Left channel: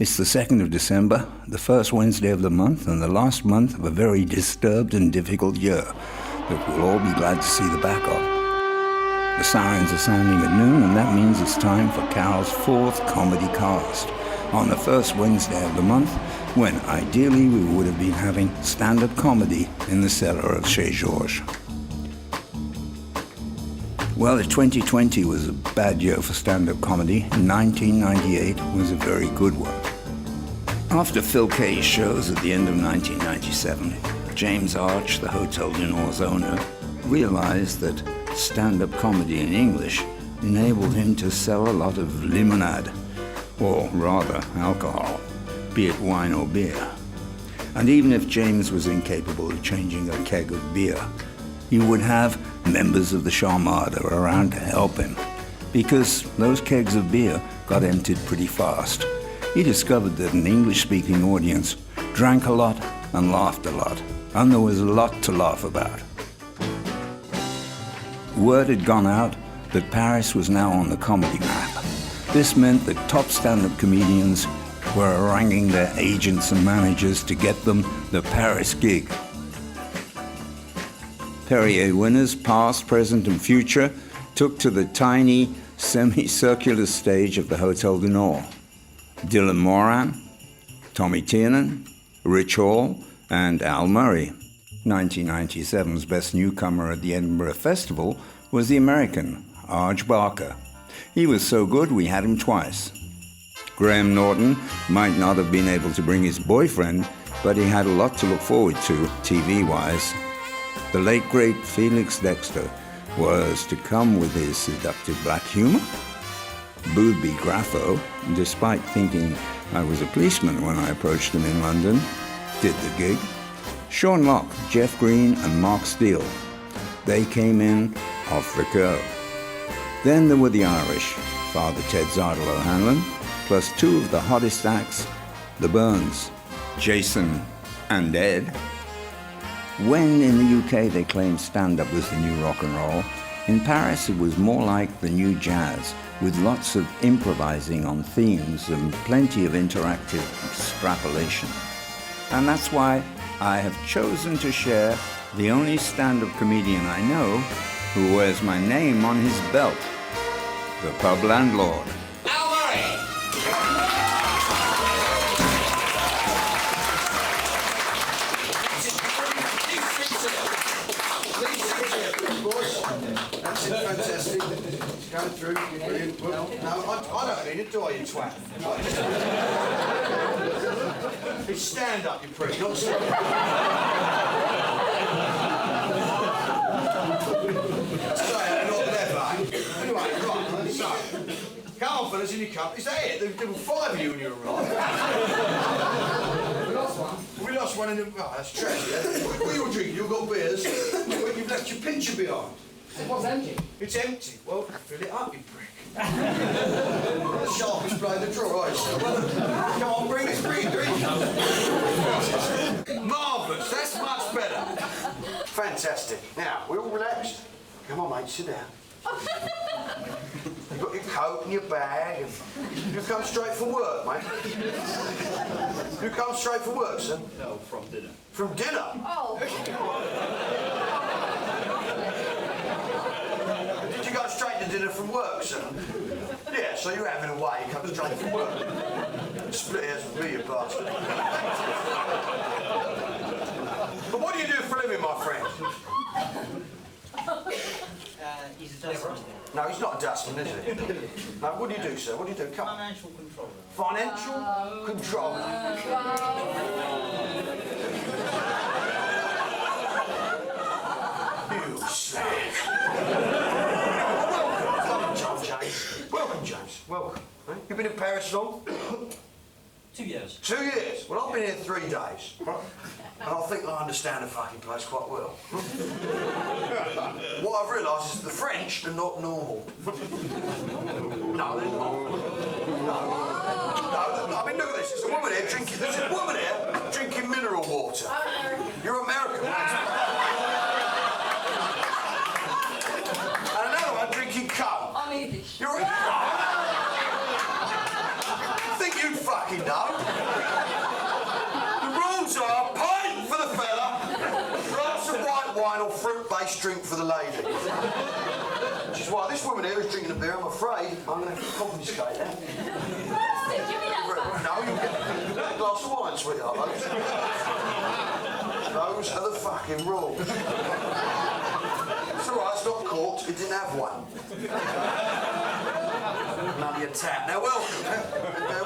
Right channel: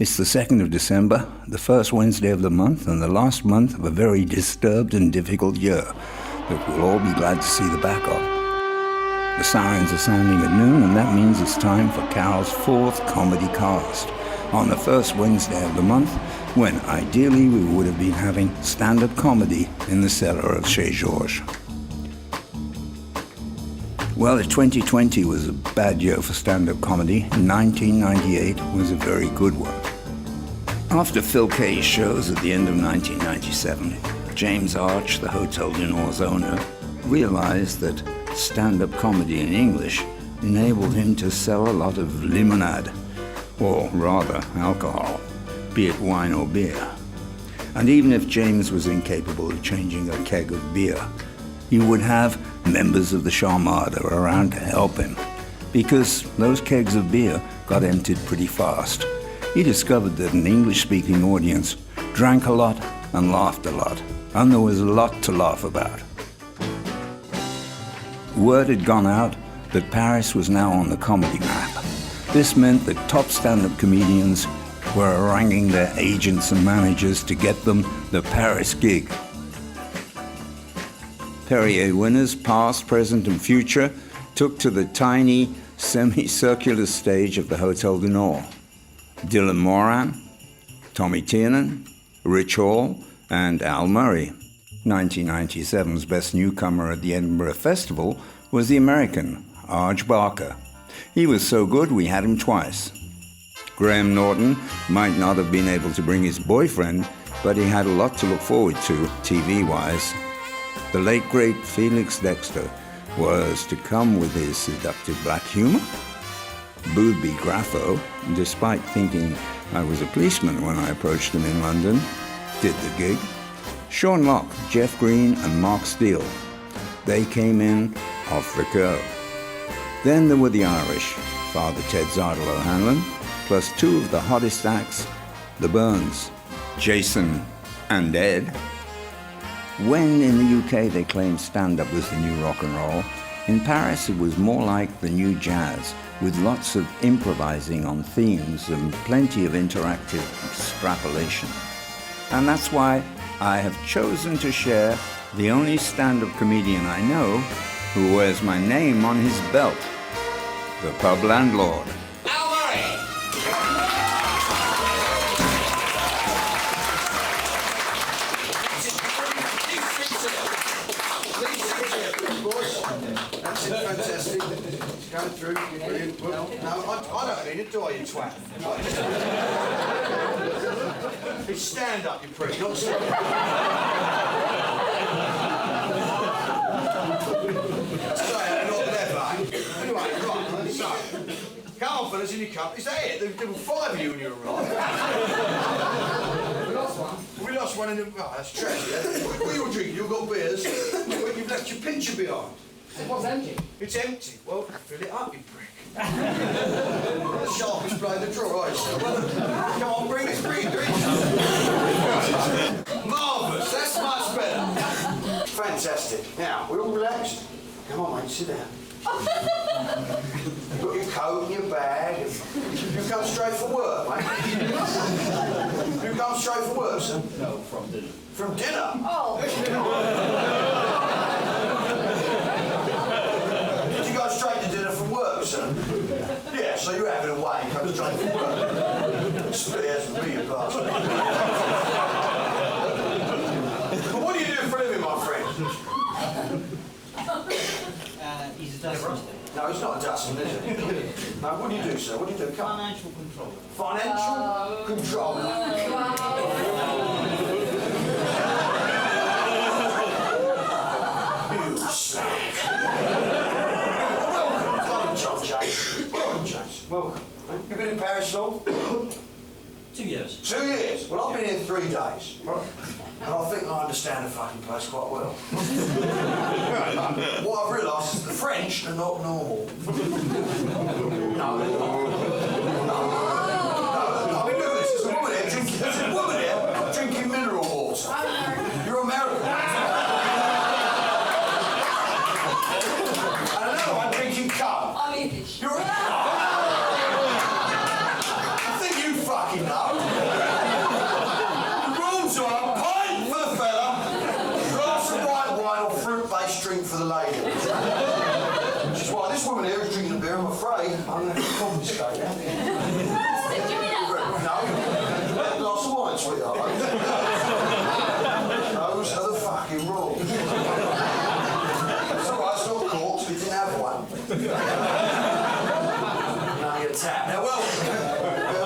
It's the 2nd of December, the first Wednesday of the month, and the last month of a very disturbed and difficult year that we'll all be glad to see the back of. The sirens are sounding at noon, and that means it's time for Karel's 4th Comedy Kast on the first Wednesday of the month, when ideally we would have been having stand-up comedy in the cellar of Chez Georges. Well, if 2020 was a bad year for stand-up comedy, 1998 was a very good one. After Phil Kay's shows at the end of 1997, James Arch, the Hotel du Nord's owner, realized that stand-up comedy in English enabled him to sell a lot of limonade, or rather alcohol, be it wine or beer. And even if James was incapable of changing a keg of beer, he would have members of the Charmada around to help him, because those kegs of beer got emptied pretty fast. He discovered that an English-speaking audience drank a lot and laughed a lot, and there was a lot to laugh about. Word had gone out that Paris was now on the comedy map. This meant that top stand-up comedians were haranguing their agents and managers to get them the Paris gig. Perrier winners, past, present, and future, took to the tiny, semicircular stage of the Hotel du Nord. Dylan Moran, Tommy Tiernan, Rich Hall, and Al Murray. 1997's best newcomer at the Edinburgh Festival was the American, Arj Barker. He was so good we had him twice. Graham Norton might not have been able to bring his boyfriend, but he had a lot to look forward to, TV-wise. The late great FELIX DEXTER was to come with his seductive black humor. BOOTHBY GRAFFOE, despite thinking I was a policeman when I approached him in London, did the gig. Sean Locke, Jeff Green, and Mark Steele. They came in off the curve. Then there were the Irish, Father Ted Zardel O'Hanlon, plus two of the hottest acts, the Byrnes, Jason and Ed. When in the UK they claimed stand-up was the new rock and roll, in Paris it was more like the new jazz, with lots of improvising on themes and plenty of interactive extrapolation. And that's why I have chosen to share the only stand-up comedian I know who wears my name on his belt, the Pub Landlord Al Murray. That's it, fantastic. It's going through, brilliant. Well, no, I don't need it, do I, you twat? It's stand up, you prick, not stand up. Sorry, not leather. Anyway, right, so, come on, fellas, in your cup. Is that it? There were 5 of you when you arrived. We lost one. We lost one in the... Oh, that's tragic. What are you drinking? You've got beers. Well, you've left your pincher behind. It was empty. It's empty. Well, fill it up, you prick. Sharpest blade the drawer, are you? Come on, bring it, drink. Marvellous, that's much better. Fantastic. Now, we're all relaxed. Come on, mate, sit down. You've got your coat and your bag. And you come straight from work, mate. You come straight from work, sir? No, from dinner. From dinner? Oh. Did you go straight to dinner from work, sir? Yeah, so you're having a way, you come straight from work. Split hairs from me, you bastard. But what do you do for a living, my friend? He's a dustman. No, he's not a dustman, is he? No, what do you do, sir? What do you do? Come. Financial controller. Financial controller. You slag. Welcome, James. Welcome. You've been in Paris long? 2 years. 2 years? Well, I've been here 3 days. And I think I understand the fucking place quite well. What I've realised is the French are not normal. No, they're not. No, I mean, look at this. There's a woman here drinking mineral water. You're American. And another one drinking cum. I'm English. You're... I think you fucking know. drink for the lady. Which is why this woman here is drinking a beer, I'm afraid. I'm going to have to confiscate that. No, a glass of wine, sweetheart. Those are the fucking rules. It's alright, it's not corked, we didn't have one. None of your tap. Now, welcome.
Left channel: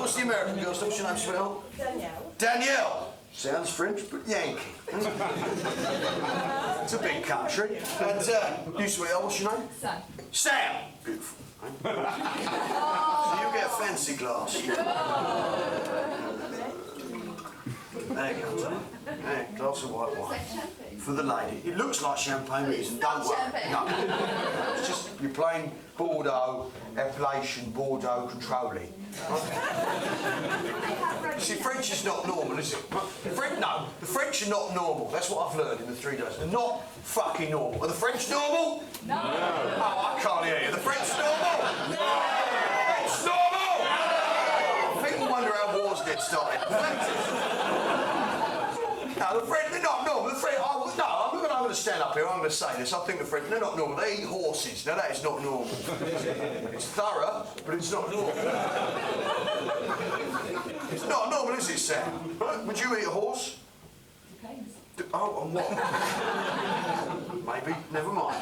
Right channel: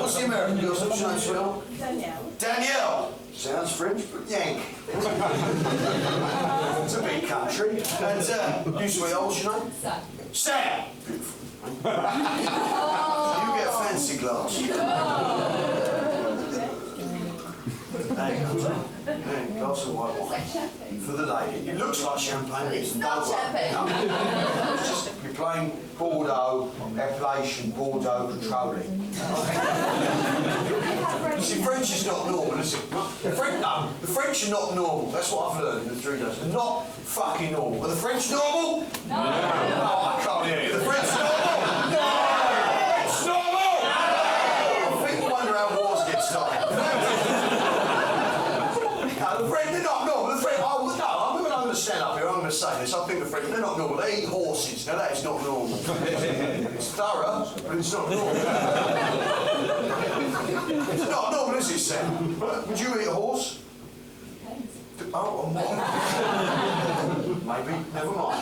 What's the American girl? What's your name, sweetheart? Danielle. Danielle. Sounds French, but Yankee. It's a big country. And you, sweetheart, what's your name? Sam. Sam. Beautiful. So you get a fancy glass. And glass of white wine for the lady. It looks like champagne, but it's not champagne. No. It's just you're playing Bordeaux, Appellation, Bordeaux controlling. See, French is not normal, is it? The French are not normal. That's what I've learned in the 3 days. They're not fucking normal. Are the French normal? No. Oh, I can't hear you. The French normal? No. French normal? No. People wonder how wars get started. No, the French, they're not normal. The French, I'm going to stand up here, I'm going to say this. I think the French, they're not normal. They eat horses. Now, that is not normal. It's thorough, but it's not normal. It's not normal, is it, Sam? Would you eat a horse? Oh, I'm not. Maybe, never mind.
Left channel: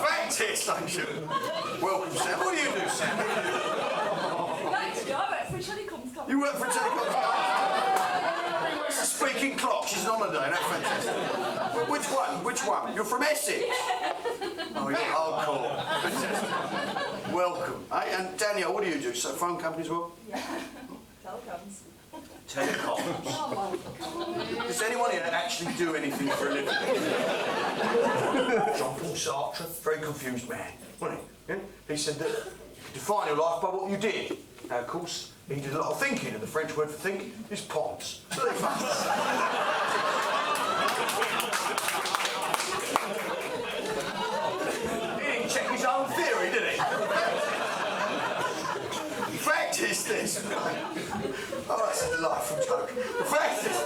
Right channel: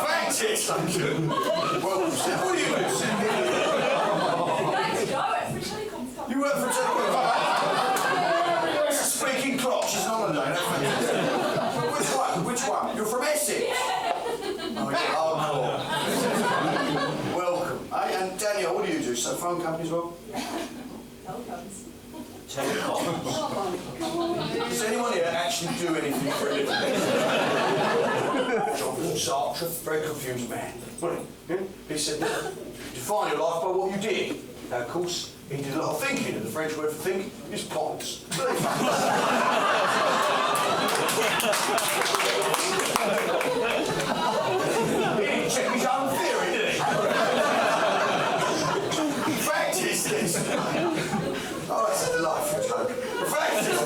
Fact is, thank you. Well, Sam, what do you do, Sam? You work for a telecom. Speaking clock, she's on holiday, that's fantastic. Which one? Which one? You're from Essex? Oh, no. Welcome. Hey, and Danielle, what do you do? So phone company as well? Yeah. Telecoms. Telecoms. Does anyone here actually do anything for a living? Jean-Paul Sartre, very confused man, wasn't he? Yeah? He said that define your life by what you did. Now, of course, he did a lot of thinking, and the French word for think is ponce. He didn't check his own theory, did he? The fact is this. Oh, that's a delightful joke. The fact is this.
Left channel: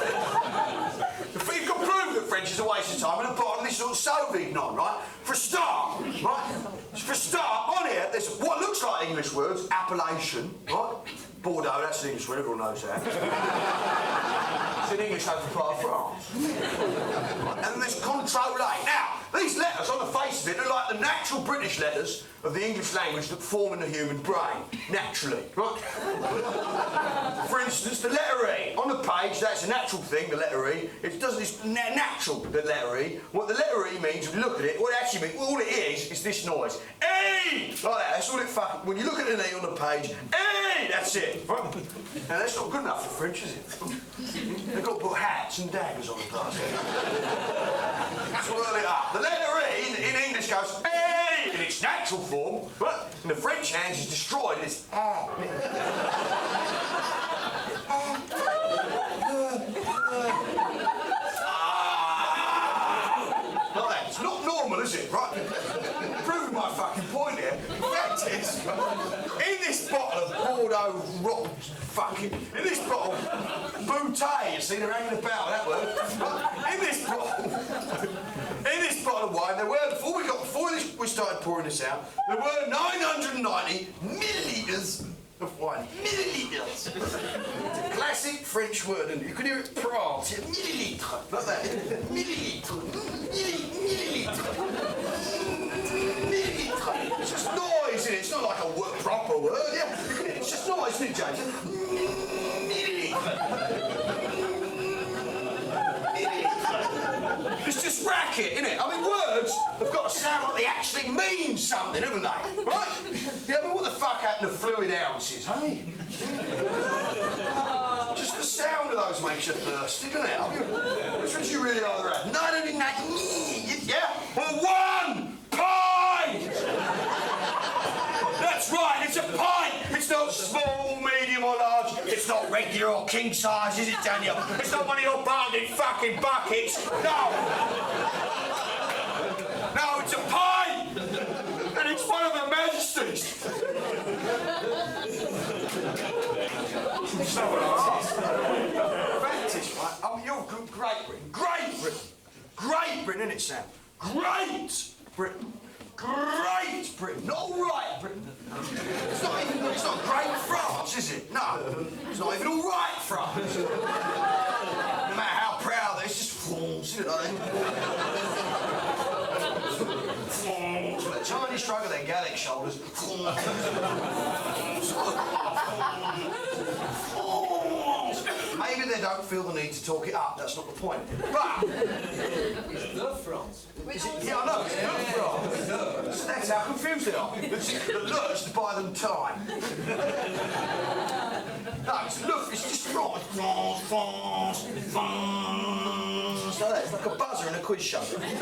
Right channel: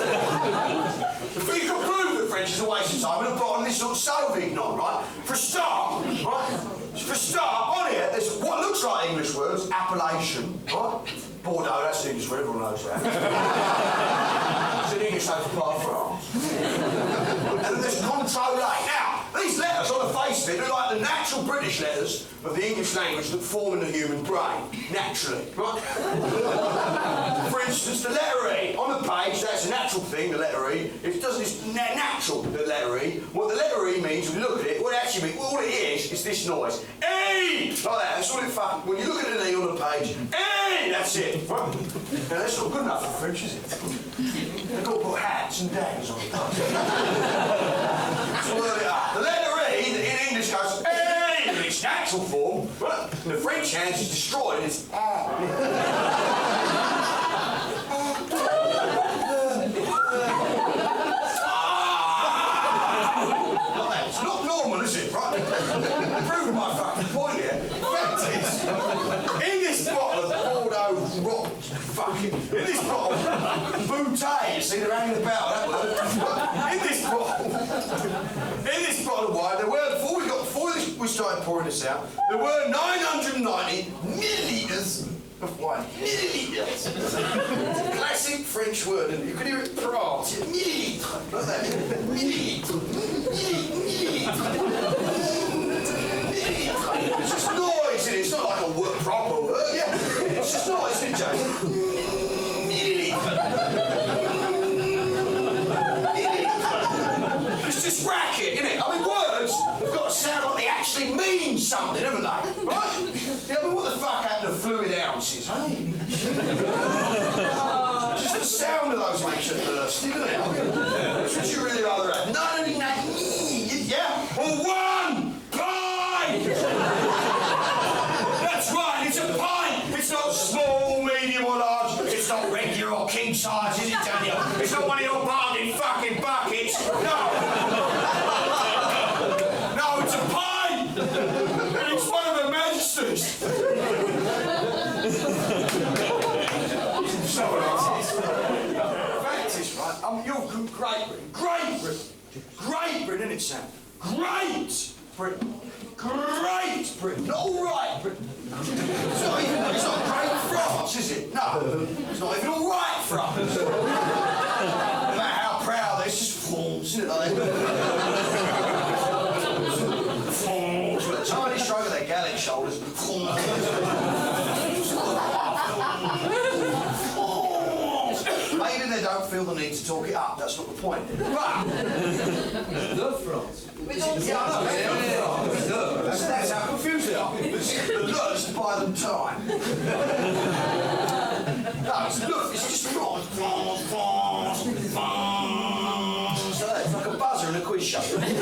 If we could prove that French is a waste of time, we'd have put on this little Soviet on, right? For a start, right? For a start, on here, there's what looks like English words, appellation, right? Bordeaux, that's an English word, everyone knows that. It's an English name for part of France. And then there's contrôle. Now, these letters on the face of it are like the natural British letters of the English language that form in the human brain, naturally, right? For instance, the letter E, on the page, that's a natural thing, the letter E. It's natural, the letter E. What the letter E means, when you look at it, what it actually means, all it is this noise. E! Like that, that's all it fucking, when you look at an E on the page, E! That's it. Right? Now, that's not good enough for French, is it? They've got to put hats and daggers on the page. So what it up? The letter E in English goes E in its natural form, but in the French hands it's destroyed. It's It's not normal, is it? Right? Proving my fucking point here. The fact is, in this bottle of Bordeaux rock, fucking, in this bottle, bouteille, you see, they're hanging about that word. In this bottle of wine, there were, before we started pouring this out, there were 990 millilitres of wine. Millilitres. Classic French word, and you can hear it prance. Millilitre. Like that. Millilitre. Millilitre. It's just noise, isn't it? It's not like a proper word, yeah? It's just noise, isn't it, James? It's just racket, isn't it? I mean, words have got to sound like they actually mean something, haven't they? Right? Yeah, I mean, what the fuck happened to fluid ounces, hey? Just the sound of those makes you thirsty, doesn't it? I mean, that's what you really rather have. 990, yeah? Or 1 pint! That's right, it's a pint! It's not small, medium or large. It's not regular or king size, is it, Daniel? It's not one of your bargain fucking buckets. No! No, it's a pint! And it's one of the Majesties! Unit sound. Great Britain. Great Britain. Not all right Britain. It's not great France, is it? No. It's not even all right France. No matter how proud they are, it's just France, isn't it? Like France, with a tiny stroke of their Gallic shoulders. Maybe they don't feel the need to talk it up, that's not the point. But... Love France. Yeah, I know, yeah. That's how confused they are. The lust to buy them time. No, it's look, it's just France, France, France, France. So it's like a buzzer in a quiz show. We're in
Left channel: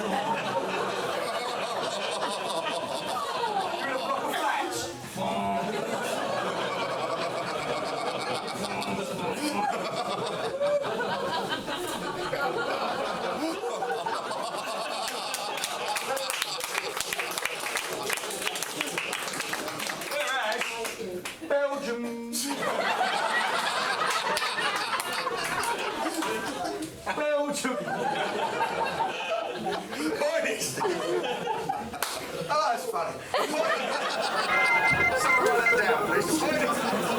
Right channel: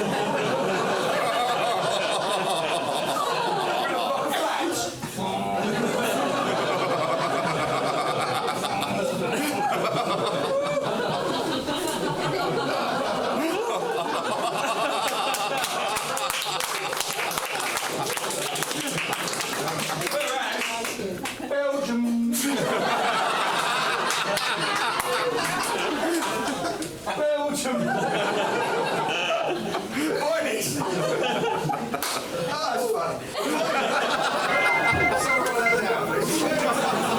a block of flats. Belgium. Belgium. Boys. Oh, that's funny. Someone write that down, please.